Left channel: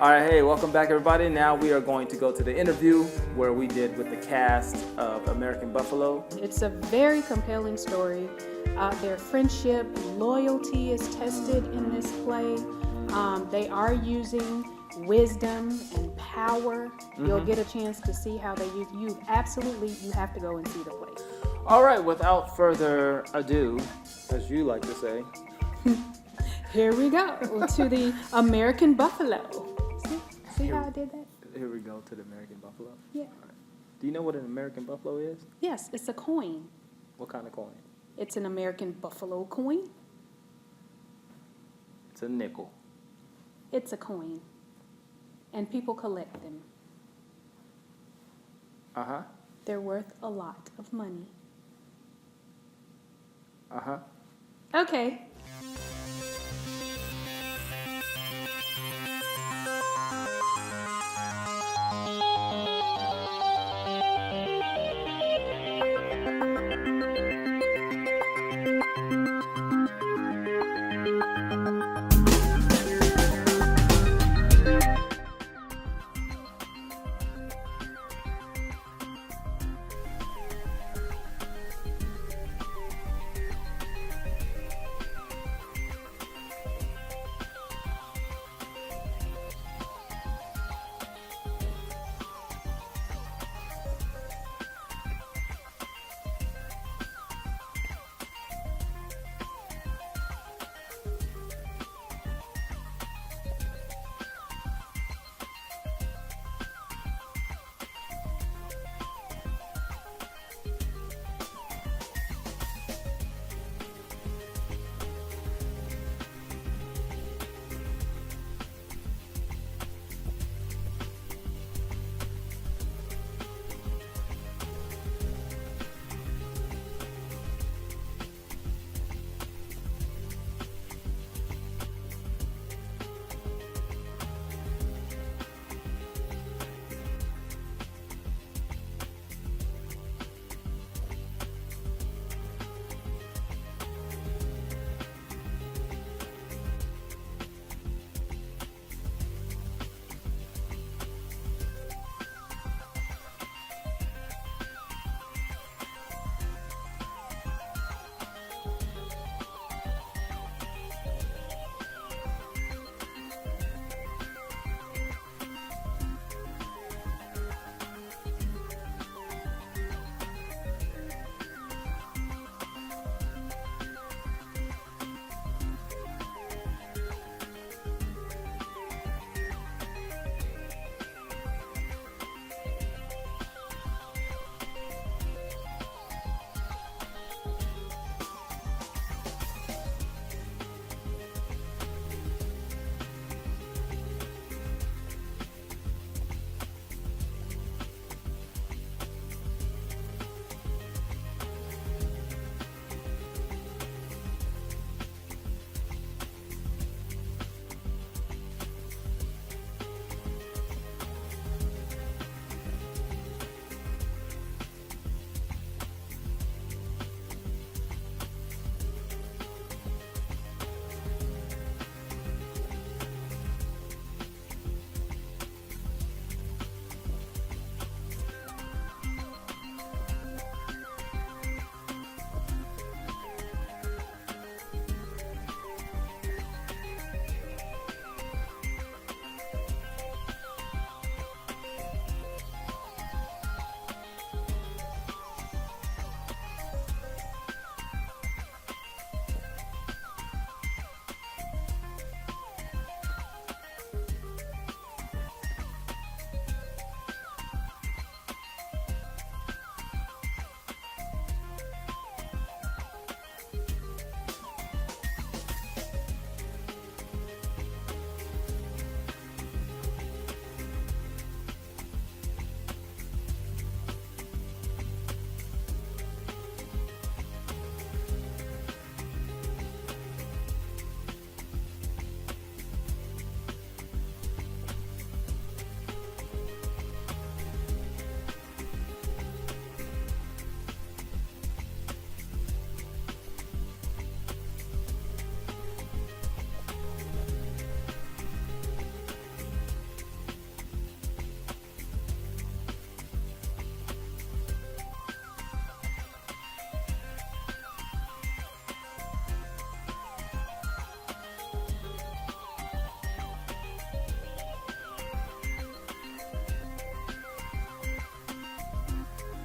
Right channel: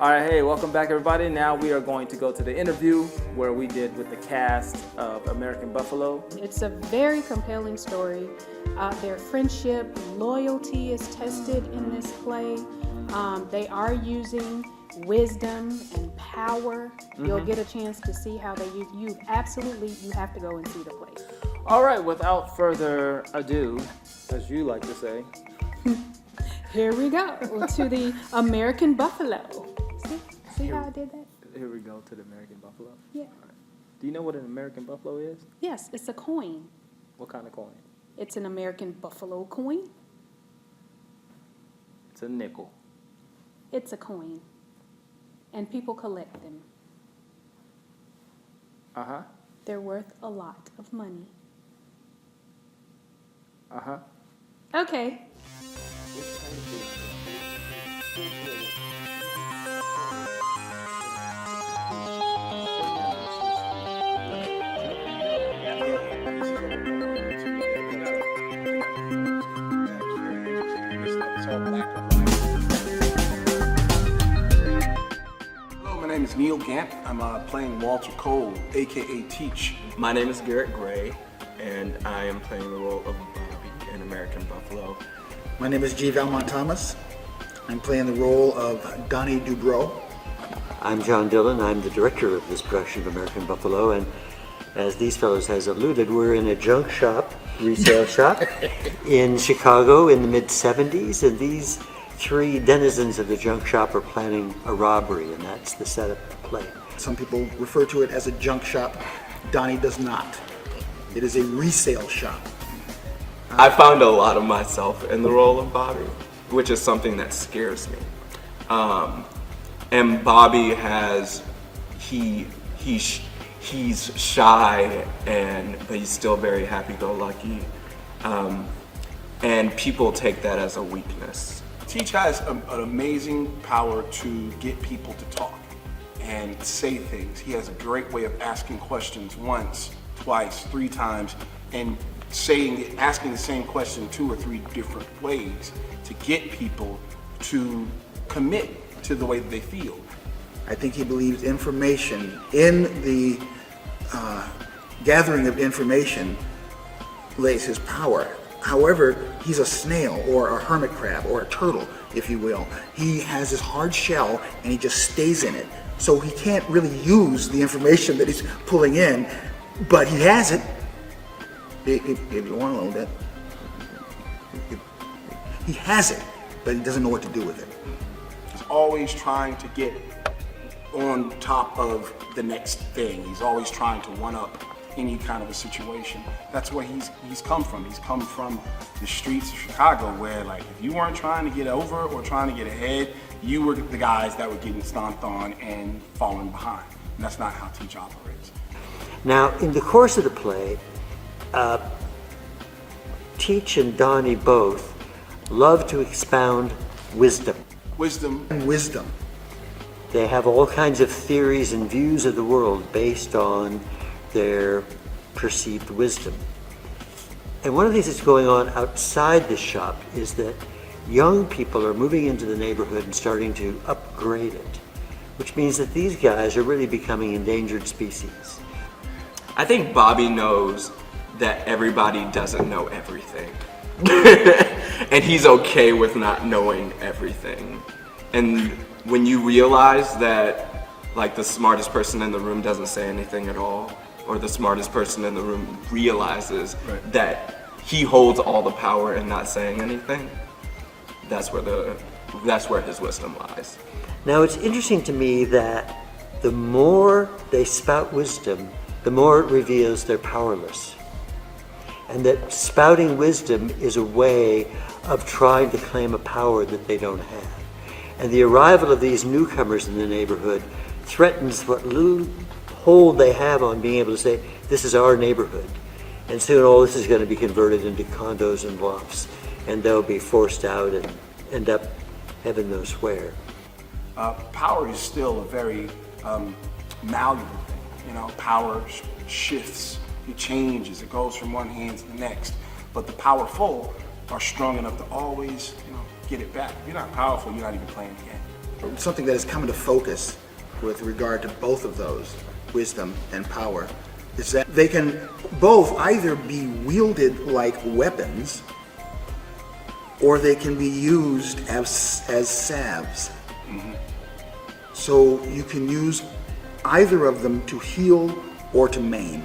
All right, hey, welcome back, everybody. Now we are going to go to the interview where we did with the cast of American Buffalo. It's a very compelling story. Their friendship, loyalty is tested in this play. They are using wisdom and power. You'll get a chance to see how they use. You have to go and see the play. All right, without further ado, as you like to say, here we go to the American Buffalo. See how I did that? Here we go to the American Buffalo. Yeah. All right. Do you know what an American Buffalo is? Yes, it's a coin. What kind of coin? It's an American Buffalo coin. It's a nickel. It's a coin. And people collect them. Uh-huh. They're worth a lot of money. Uh-huh. Okay. I'm playing Walter Cole, aka Teach. My name is Garrett Gray, and I am playing the role of Bobby in American Buffalo. My name is G. Valmont Thomas. I'm playing the role of Donnie Dubrow. I'm John Dillon. I'm the director of this production of American Buffalo, and as these fellows has alluded, we're in a junk shop, resale shop, in Chicago in the mid-'70s, and these three denizens of the junk shop are planning a robbery, and that's the setup of the play. Some people refer to it as a junk shop. Donnie does not. It is a resale shop. I found a lot of myself in the role of Bobby, which is something that scares me. And Bobby he's shy, but he's still very happy-go-lucky. And people take that as a weakness. Teach has an amazing power to get people to talk and say things. He has a great way of asking questions once, twice, 3 times, and asking the same question 2 or 3 different ways to get people to commit to the way that they feel. I think he believes information in the gathering of information lays his power. However, he's a snail or a hermit crab or a turtle, if you will. He has this hard shell and he just stays in it. So he can't really use the information that he's pulling in, but he has it. If you want to know that. He has it, but he doesn't know what to do with it. He's always trying to get on top of the next thing. He's always trying to one-up any kind of a situation. That's where he's come from. He's come from the streets of Chicago, where like if you weren't trying to get over or trying to get ahead, you were the guys that were getting stomped on and falling behind. And that's not how Teach operates. Now, in the course of the play, Teach and Donnie both love to expound wisdom. Wisdom. And wisdom. They have all kinds of theories and views of the world based on their perceived wisdom. And one of the things that's going on outside this shop is that young people are moving into the neighborhood and starting to upgrade it, which means that these guys are really becoming endangered species. I think Bobby knows that everybody doesn't know everything. And he's okay with not knowing everything. And when you realize that like the smartest person in the room doesn't say anything at all, or the smartest person in the room realizes that he holds all the power and not saying anything, that's where his wisdom lies. Now, it's interesting to me that the more they spout wisdom, the more it reveals they're powerless. And that spouting wisdom is a way of trying to claim a power that they don't have. And the arrival of these newcomers in the neighborhood threatens what little hold they have on being able to say, this is our neighborhood. And soon all this is going to be converted into condos and lofts, and they'll be forced out and end up heaven knows where. Power is still a very malleable thing. You know, power shifts, it changes, it goes from one hand to the next. But the powerful are strong enough to always, get it back. If you're not powerful, you're not even playing the game. something that has come into focus with regard to both of those, wisdom and power, is that they can both either be wielded like weapons or they can be used as salves. So you can use either of them to heal or to maim.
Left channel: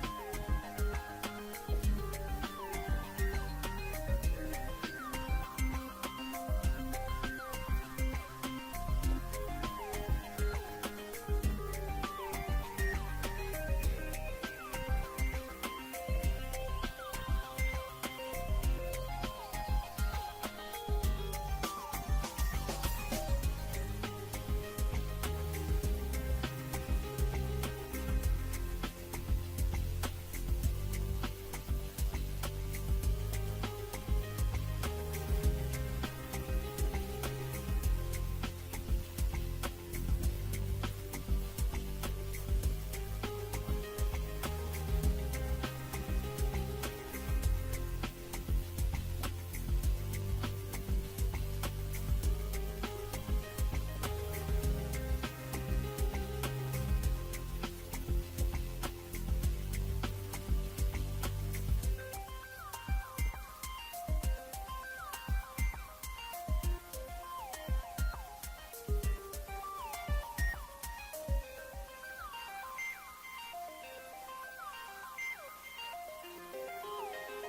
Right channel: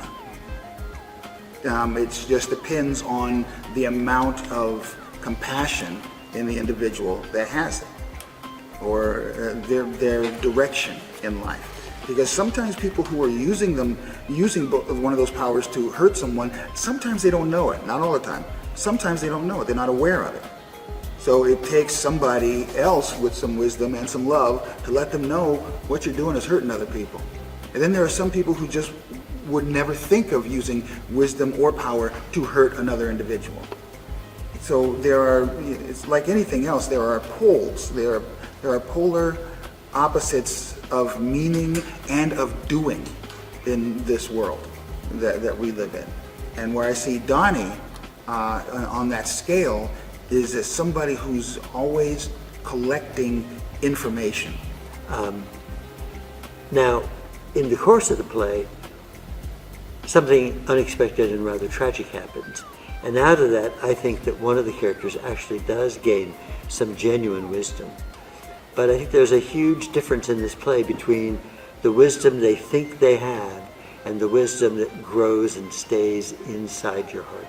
It just depends on the amount of compassion in the individual that has it, or their direction in life. Because sometimes people who are using one of those powers to hurt someone, sometimes they don't know it. Not all the time. Sometimes they don't know it. They're not aware of it. So it takes somebody else with some wisdom and some love to let them know what you're doing is hurting other people. And then there are some people who just would never think of using wisdom or power to hurt another individual. So it's like anything else, there are poles. There are polar opposites of meaning and of doing in this world that we live in. And where I see Donnie on that scale is as somebody who's always collecting information. Now, in the course of the play, something unexpected and rather tragic happens. And out of that, I think that one of the characters actually does gain some genuine wisdom. But I think there's a huge difference in this play between the wisdom they think they have and the wisdom that grows and stays inside your heart.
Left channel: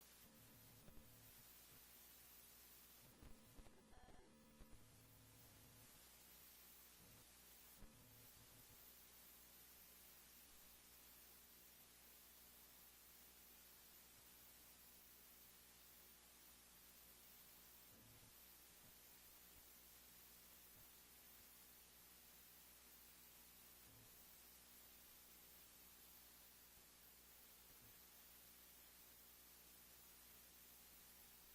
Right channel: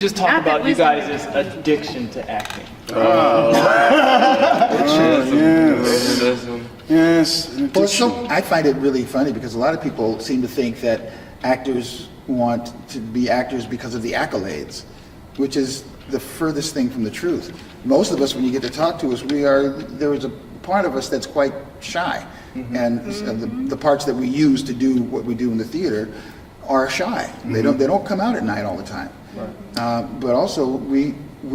Just talk about you guys' addiction to acting. Yes. Well, I find it really funny because a lot of people seem to think that actors want to be actors because of the accolades, which is the furthest thing from the truth. Most of us, when you get to talk to us, there is a part of us that's quite shy. And the parts that we use to do what we do in the theater are shy. They don't come out at night all the time. But also we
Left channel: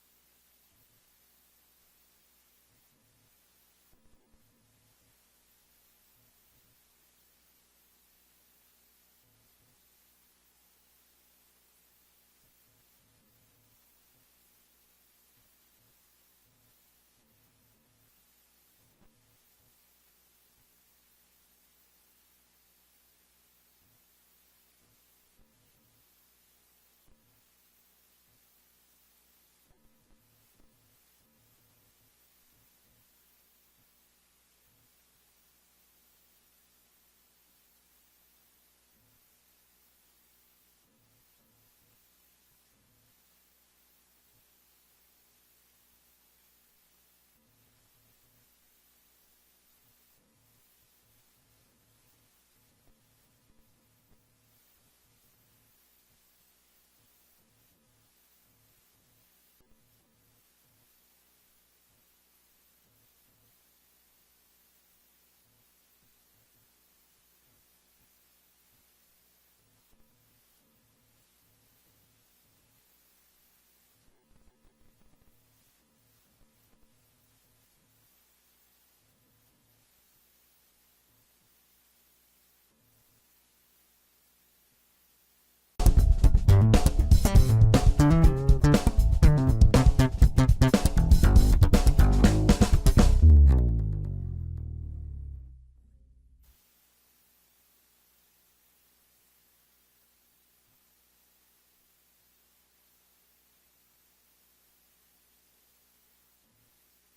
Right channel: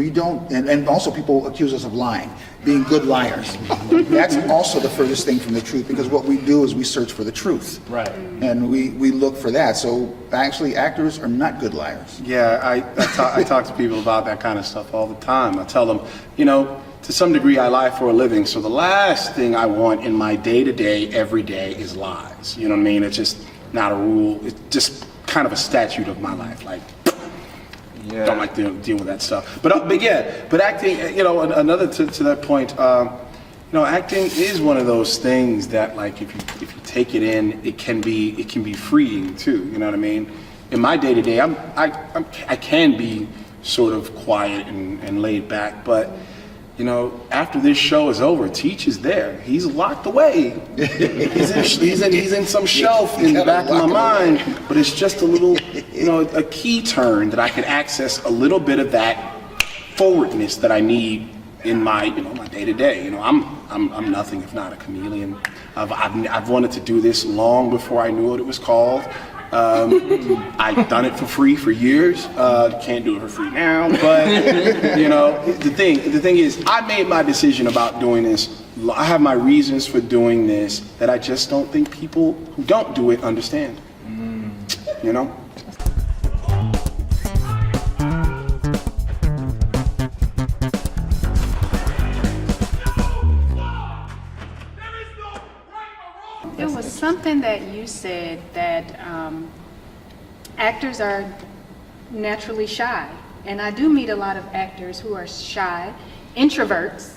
don't, and also people accuse us of lying, being good liars. That's also the furthest thing from the truth, because what we do is we search for the truth. Right. And we look for that. So actually actors are not good liars. Yeah, I talk to people about that kind of stuff all the time. I tell them, to some degree I lie for a living, so the last thing I want in my day-to-day, every day is lies. You know what I mean? It's just not a rule. It's just kind of a statute of my life. Like, don't like to deal with that stuff. But acting, another to that point, acting is one of those things that, like, if you take it in, it can be freeing too. You know what I mean? In my day to day, I can be sort of quiet and laid back, but after this show is over, Teach is there. He's locked away. He's in some shelf in the back of my mind, but it's just a little, a key turn that I can access a little bit of that forwardness that I need in my, my day to day. I'm nothing if not a chameleon. I've wanted to do this long before I knew what it was called. I've done it for free for years. Can't do it for free now, but the thing is, I made my decision about doing this. I have my reasons for doing this that I just don't think people who don't do it understand. It was something that you said that actors are naturally shy. And I do meet a lot of actors who are shy, introverts,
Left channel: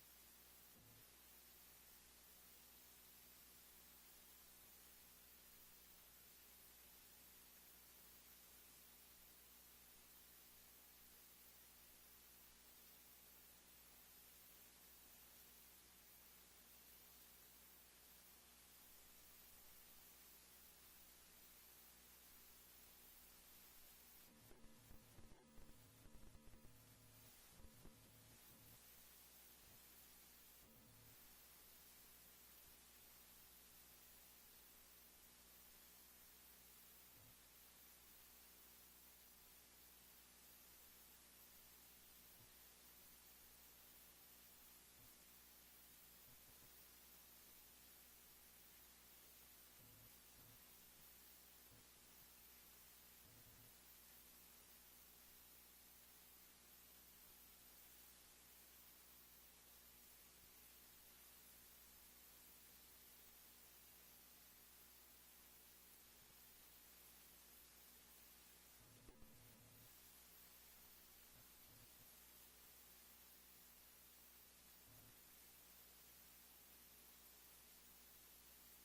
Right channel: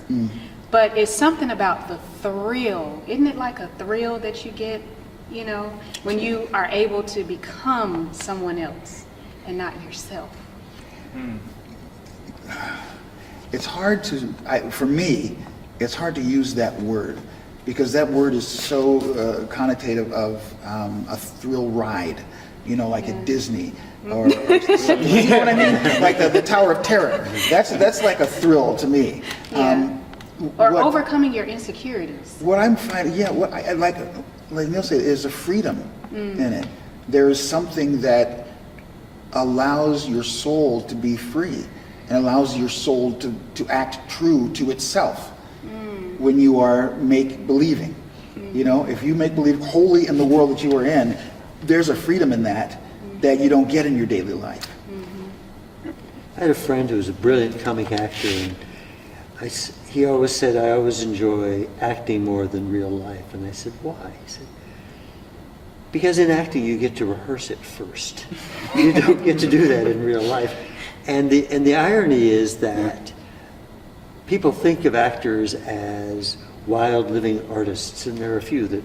but it's something about the thrill. Isn't it like a thrill that you get, when you are able to become someone else and not yourself? It's hard for me, it's hard to use that word, because that word is so connotative of a thrill ride, like at Disney, or something. You know what I mean? Like the Tower of Terror. That's like a thrill to me. Yeah. Or overcoming your insecurities. What I'm finding, what I like Neil said, is a freedom in it. There is something that allows your soul to be free and allows your soul to act true to itself when you are make-believing. If you make believe wholly in the world that you are in, there's a freedom in that you don't get in your daily life. I had a friend who was a brilliant comic actor, and he always said, I always enjoy acting more than real life. And I said, why? He said, because in acting you get to rehearse it first. You don't get to do that in real life. And the irony is that people think of actors as wild living artists, and there are a few that,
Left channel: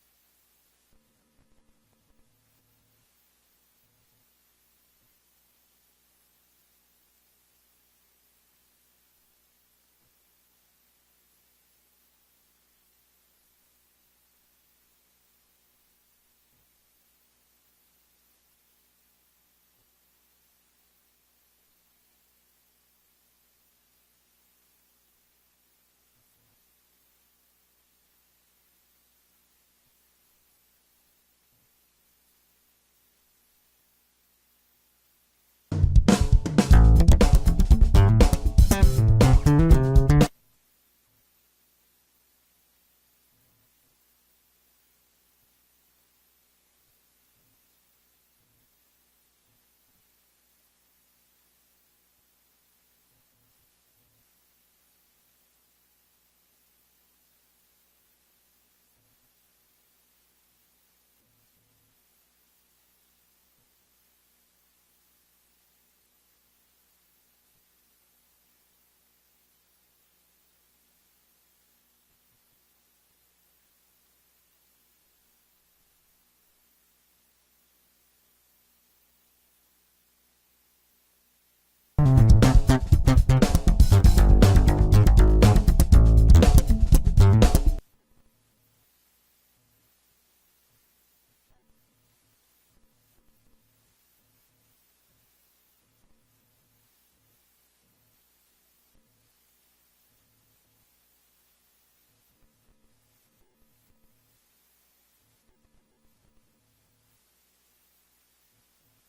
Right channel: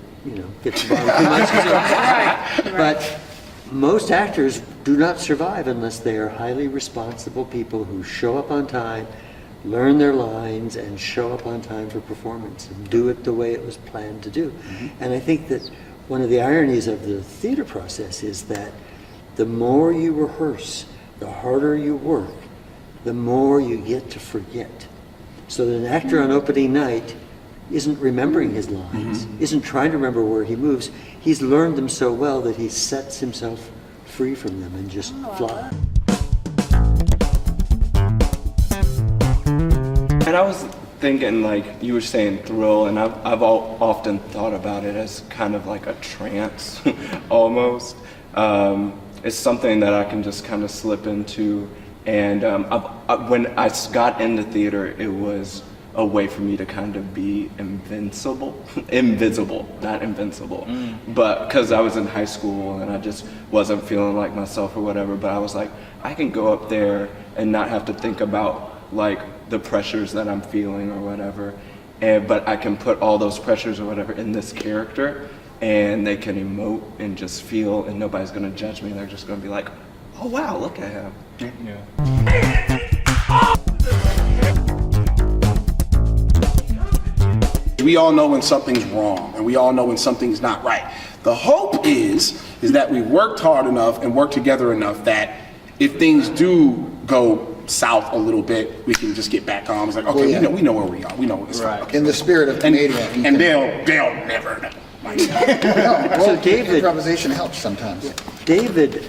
get to borrow too much. Right. But most actors do not survive unless they are highly responsible people who show up on time, learn their lines, and show up on time for performance and do it the way it was planned to do. And I think that one of the ironies of the theater process is that the more you rehearse, the harder you work, the more you get to forget. So that an actor on opening night isn't remembering his lines, isn't trying to remember where he moves. He's learned them so well that he sets himself free from them and just flies. And I was thinking, like you were saying, thrill, and I've often thought about it as kind of like a trance, almost. It's something that I can just kind of slip into, and when I got into theater, it was a way for me to kind of be invisible, not invincible. But because I was in high school and I just wasn't feeling like myself or whatever, but I was like, I can go up there and not have to think about like the pressures that I'm feeling or whatever, but I can put all those pressures or whatever in this character, and they can emote and just feel, and nobody's gonna judge me. They're just gonna be like, oh wow, look at him. We all know when something's wrong, and we all know when something's not right. The hope is that we worked hard enough and worked together enough that if things do go south a little bit, we can just get back on. It's like, okay, we know where we are. We know where this is. Okay. In the spirit of comedian. And they'll never know. So David, improvisation helps sometimes. David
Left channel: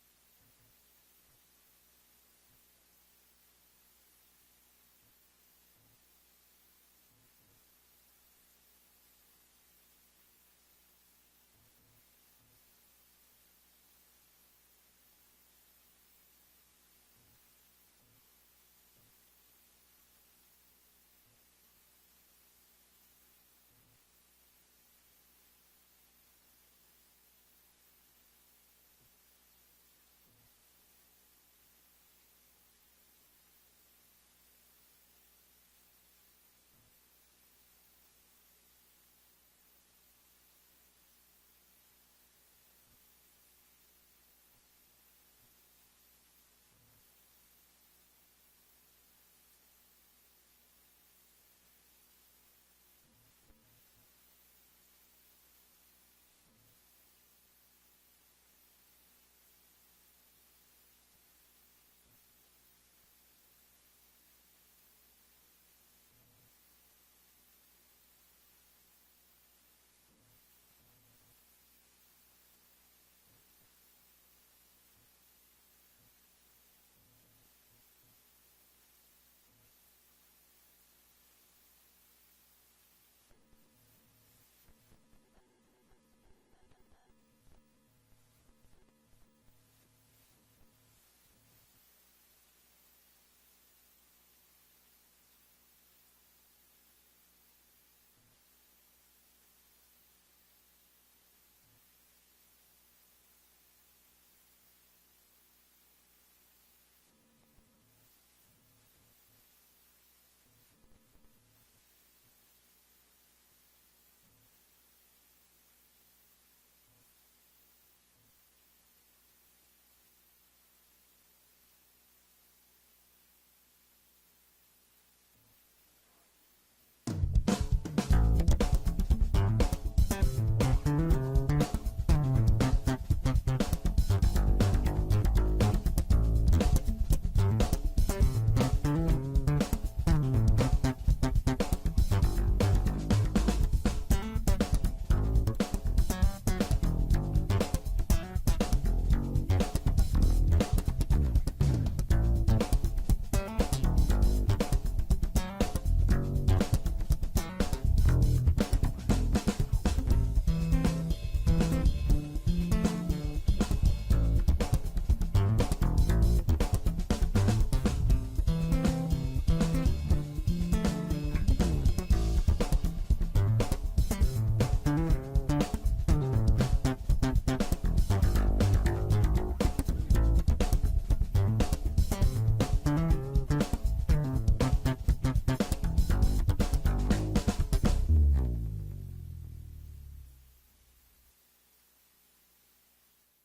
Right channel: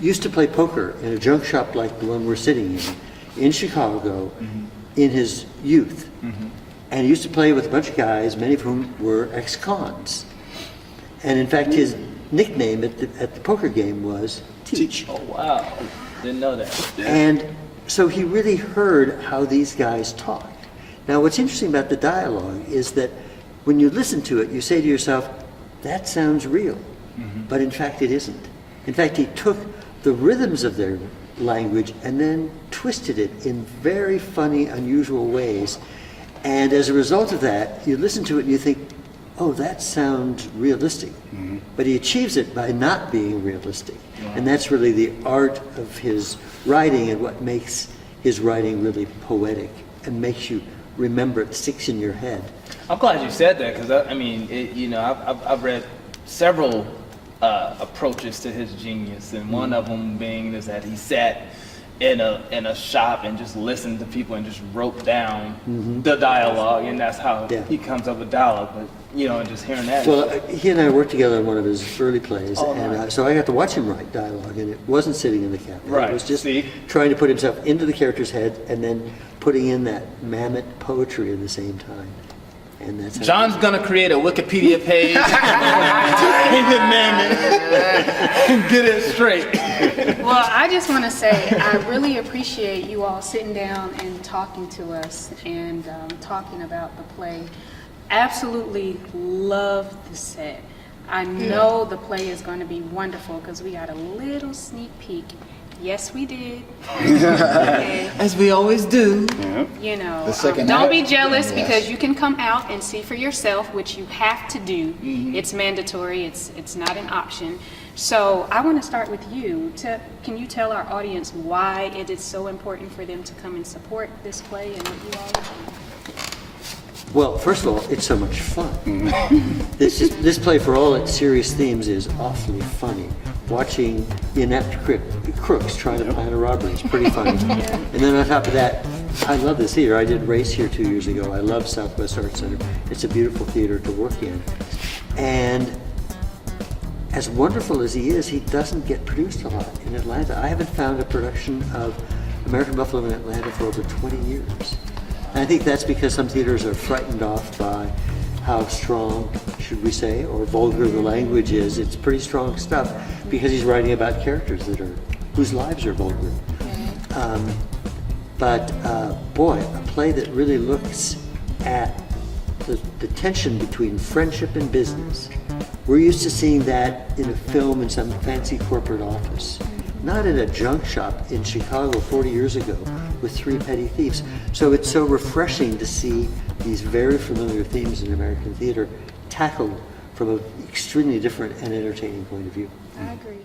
used to play poker in a junk shop like the one we're sitting in Chicago, in his youth. And he used to play with a bunch of guys, many of whom were ex-cons. And in fact, his nickname at the poker game was Teach. Oh, wow. Didn't know that. And so he really heard how these guys talked. Now, what's interesting about the dialogue is that when you listen to it, you say to yourself, that sounds real. But in fact, it isn't. In fact, he took the rhythms of their language and then twisted it in very funny, unusual ways. And as a result of that, you listen to it and you think, oh, that sounds realistic. But he achieves it by not being realistic. And that's really the art of his writing and what makes his writing really poetic and makes you remember it, sticks in your head. I'm glad you said that, because I've read several approaches to his genius, and one of them being is that he sat in a shop and just listened to people and just wrote down the dialogue, and that's how he comes up with dialogue. But just hearing that. Well, he and I worked together on one of his early plays, and nice. so I got to watch him write dialogue, and it wasn't sitting in the cabinet. Right. It was just See? trying to put himself into the character's head and then putting in that mammoth poetry at the same time. And that's how John's gonna create a Wikipedia page. Get it straight. Well, I just want to say I really appreciate you all sitting down and talking to us and talking about the play. Absolutely love the set. I know the play is going to be wonderful because we got a little sneak peek. Yes, we did. Okay. As we always do. The second Don't act. be jealous Yes. because you can come out and see for yourself, which you have to do. It's mandatory. It's not an option. So I want to start with you. Can you tell our audience why it is so important for them to come and support this play and what you all are doing? Well, first of all, it's so much fun. This play, for all its serious themes, is awfully funny. Watching inept crooks trying to plan a robbery is pretty funny. And then on top of that, I love this theater. I did Race here 2 years ago. I love Southwest Arts Center. It's a beautiful theater to work in. And as wonderful as he is, he doesn't get produced a lot in Atlanta. I haven't found a production of American Buffalo in Atlanta for over 20 years. And I think that's because some theaters are frightened off by how strong, should we say, or vulgar the language is. It's pretty strong stuff because he's writing about characters whose lives are vulgar. But boy, a play that really looks at the tension between friendship and business. We're used to seeing that in a film in some fancy corporate office, not in a junk shop in Chicago 40 years ago with three petty thieves. So it's so refreshing to see these very familiar themes in American theater tackled from an extremely different and entertaining point of view. I agree.